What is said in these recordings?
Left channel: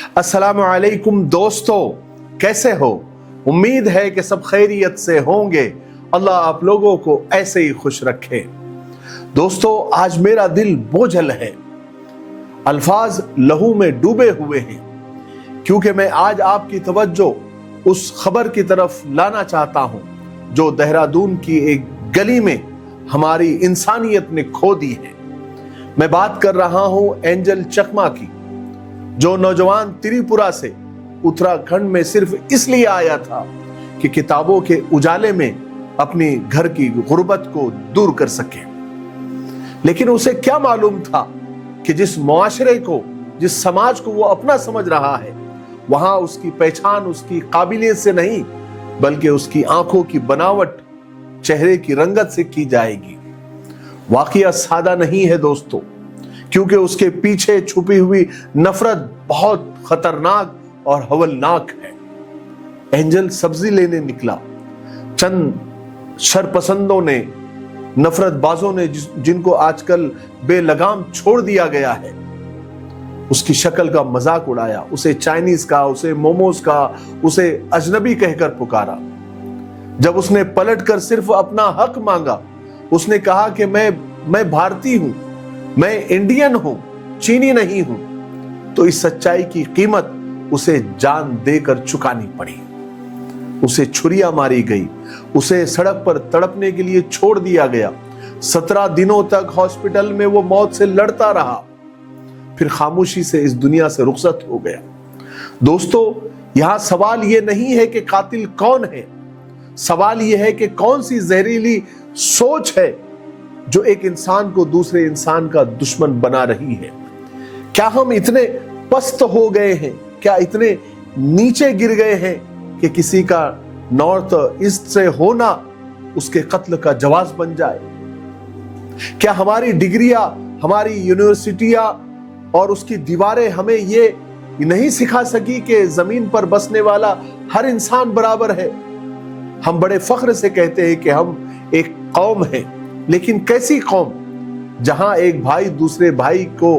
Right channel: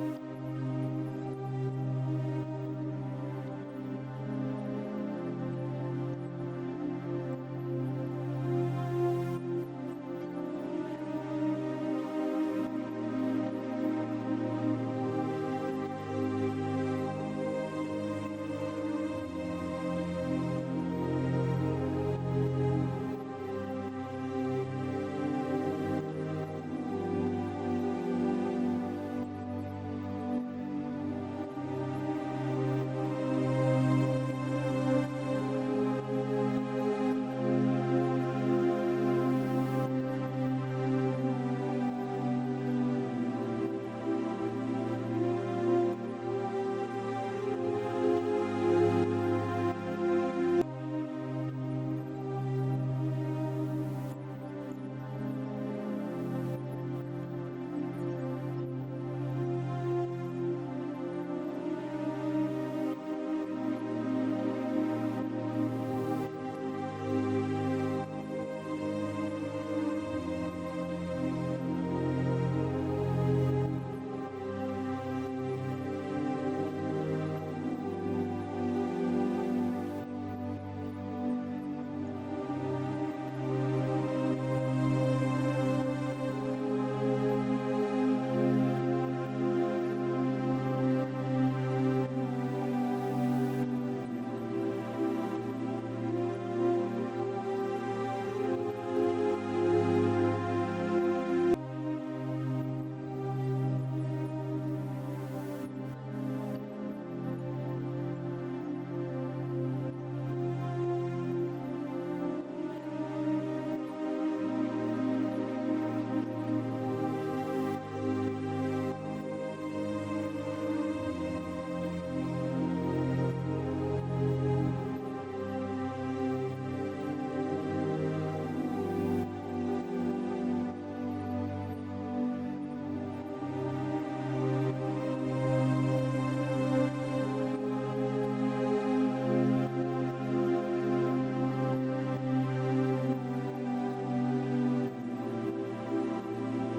अस्सलामु अलैकुम दोस्तों, कैसे हो? उम्मीद है कि सब खैरियत से होंगे। अल्लाह आप लोगों को ऐसे ही खुश रखे। दोस्तों, आज मेरा दिल बोझल है, अल्फाज लहू में डूबे हुए हैं, क्योंकि मैं आज आपकी तवज्जो उस खबर की तरफ लाना चाहता हूं जो देहरादून की एक गली में हमारी इंसानियत ने खो दी है। मैं बात कर रहा हूं एंजल चकमा की, जो नौजवान त्रिपुरा से उत्तराखंड में सिर्फ इसलिए आया था कि किताबों के उजाले में अपनी घर की गुर्बत को दूर कर सके। लेकिन उसे क्या मालूम था कि जिस मुआशरे को, जिस समाज को वो अपना समझ रहा है, वहां उसकी पहचान उसकी काबिलियत से नहीं बल्कि उसकी आंखों की बनावट, चेहरे की रंगत से की जाएगी। वाकया सादा नहीं है दोस्तों, क्योंकि उसके पीछे छुपी हुई नफरत बहुत खतरनाक और हवलनाक है। एंजल सब्जी लेने निकला। चंद शरपसंदों ने, नफरतबाजों ने, जिनको आजकल बेलगाम छोड़ दिया गया है, उसकी शक्ल का मजाक उड़ाया, उसे चाइनीज का, उसे मोमोज का, उसे अजनबी कहकर पुकारा। जब उसने पलटकर सिर्फ अपना हक मांगा, उसने कहा कि मैं भारतीय हूं, मैं इंडियन हूं, चीनी नहीं हूं, तो इस सच्चाई की कीमत उसे जान देकर चुकानी पड़ी। उसे छुरियां मारी गई, उसे सड़क पर तड़पने के लिए छोड़ दिया गया। 17 दिनों तक हॉस्पिटल में वो मौत से लड़ता रहा, फिर खामोशी से इस दुनिया से रुखसत हो गया। दोस्तों, यहां सवाल ये नहीं है कि कातिल कौन है, सवाल यह है कि कौन सी जहरीली सोच है जो एक इंसान को दूसरे इंसान का दुश्मन बना रही है। क्या हम इतने पस्त हो गए हैं, क्या इतने नीचे गिर गए हैं कि किसी का नॉर्थ ईस्ट से होना उसके कत्ल का जवाब बन जाए? क्या हमारी डिग्रियां, हमारी यूनिवर्सिटियां और उसकी दीवारें हमें ये नहीं सिखा सकी कि जमीन पर बसने वाला हर इंसान बराबर है? हम बड़े फख्र से कहते हैं कि हम एक कौम है, लेकिन कैसी कौम जहां एक भाई दूसरे भाई को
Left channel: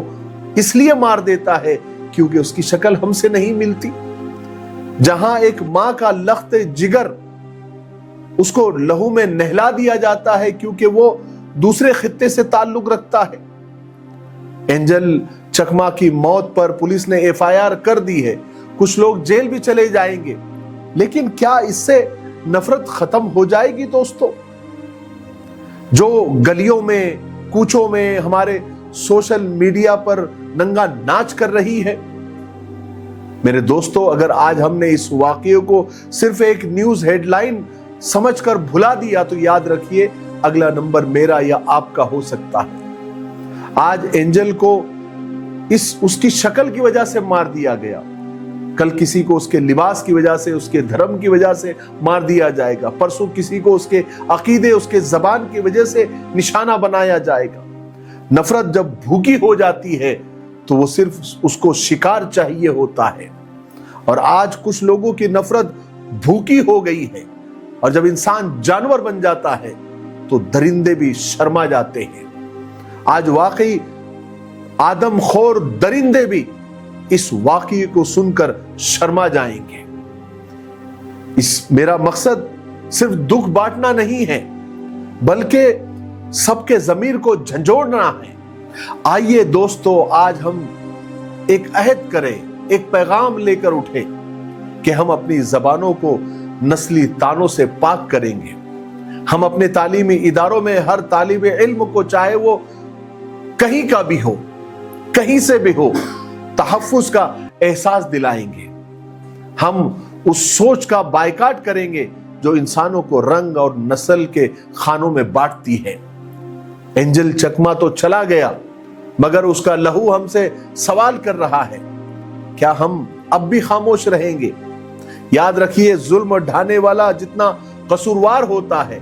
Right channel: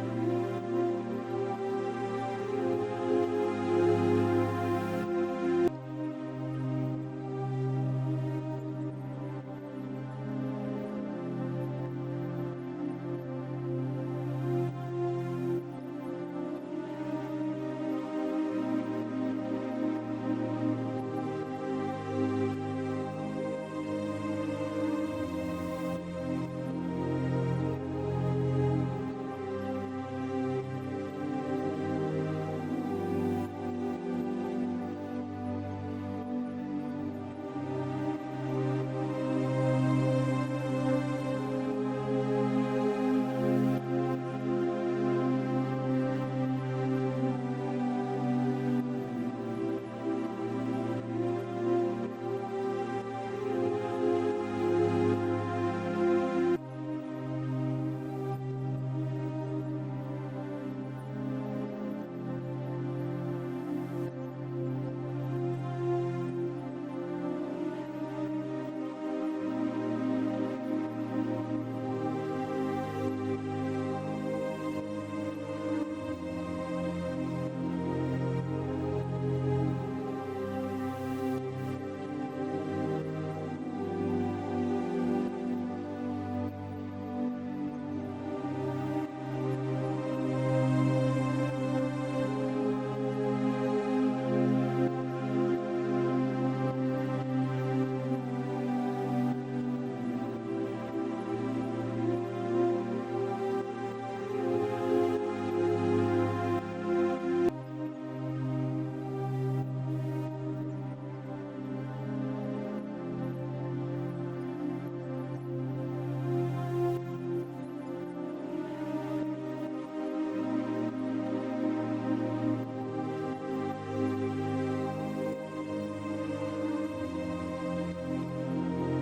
इसलिए मार देता है क्योंकि उसकी शक्ल हमसे नहीं मिलती, जहां एक मां का लख्त जिगर उसको लहू में नहला दिया जाता है क्योंकि वो दूसरे खित्ते से ताल्लुक रखता है। एंजल चकमा की मौत पर पुलिस ने एफआईआर कर दी है, कुछ लोग जेल भी चले जाएंगे, लेकिन क्या इससे नफरत खत्म हो जाएगी? दोस्तों, जो गलियों में, कूचों में, हमारे सोशल मीडिया पर नंगा नाच कर रही है, मेरे दोस्तों, अगर आज हमने इस वाकये को सिर्फ एक न्यूज हेडलाइन समझकर भुला दिया तो याद रखिए अगला नंबर मेरा या आपका हो सकता है। आज एंजल को उसकी शक्ल की वजह से मार दिया गया, कल किसी को उसके लिबास की वजह से, उसके धर्म की वजह से मार दिया जाएगा, परसों किसी को उसके अकीदे, उसके जबान की वजह से निशाना बनाया जाएगा। नफरत जब भूखी हो जाती है तो वो सिर्फ उसको शिकार चाहिए होता है, और आज कुछ लोगों की नफरत भूखी हो गई है, और जब इंसान जानवर बन जाता है तो दरिंदे भी शर्मा जाते हैं। आज वाकई आदमखोर दरिंदे भी इस वाकये को सुनकर शर्मा जाएंगे। मेरा मकसद सिर्फ दुख बांटना नहीं है, बल्कि सबके जमीर को झंझोड़ना है। आइए दोस्तों, आज हम एक अहद करें, एक पैगाम लेकर उठे कि हम अपनी जबानों को नस्ली तानों से पाक करेंगे। हम अपने तालीमी इदारों में हर तालिब इल्म को, चाहे वो कहीं का भी हो, कहीं से भी हो, तहफ्फुज का एहसास दिलाएंगे। हम उस सोच का बायकाट करेंगे जो इंसानों को रंग और नस्ल के खानों में बांटती है। एंजल चकमा तो चला गया, मगर उसका लहू हमसे सवाल कर रहा है, क्या हम अब भी खामोश रहेंगे? याद रखिए, जुल्म ढाने वाला जितना कसूरवार होता है,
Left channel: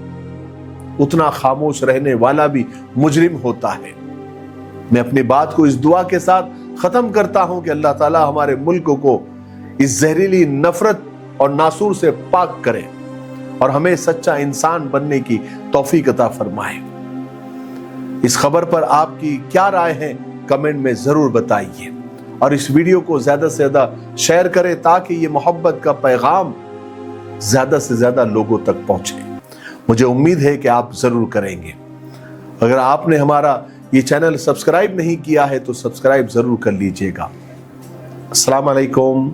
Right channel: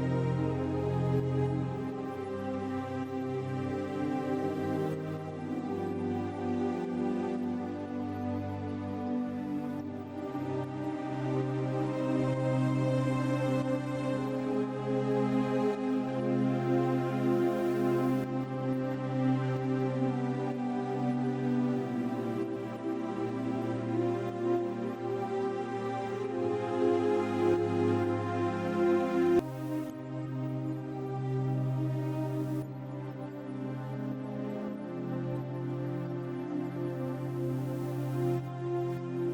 उतना खामोश रहने वाला भी मुजरिम होता है। मैं अपनी बात को इस दुआ के साथ खत्म करता हूं कि अल्लाह ताला हमारे मुल्क को इस जहरीली नफरत और नासूर से पाक करे और हमें सच्चा इंसान बनने की तौफीक अता फरमाए। इस खबर पर आपकी क्या राय है, कमेंट में जरूर बताइए। اور اس ویڈیو کو زیادہ سے زیادہ شیئر کریں تاکہ یہ محبت کا پیغام زیادہ سے زیادہ لوگوں تک پہنچے۔ مجھے امید ہے کہ آپ ضرور کریں گے۔ اگر آپ نے ہمارا یہ چینل سبسکرائب نہیں کیا ہے تو سبسکرائب ضرور کر لیجئے گا۔ السلام علیکم۔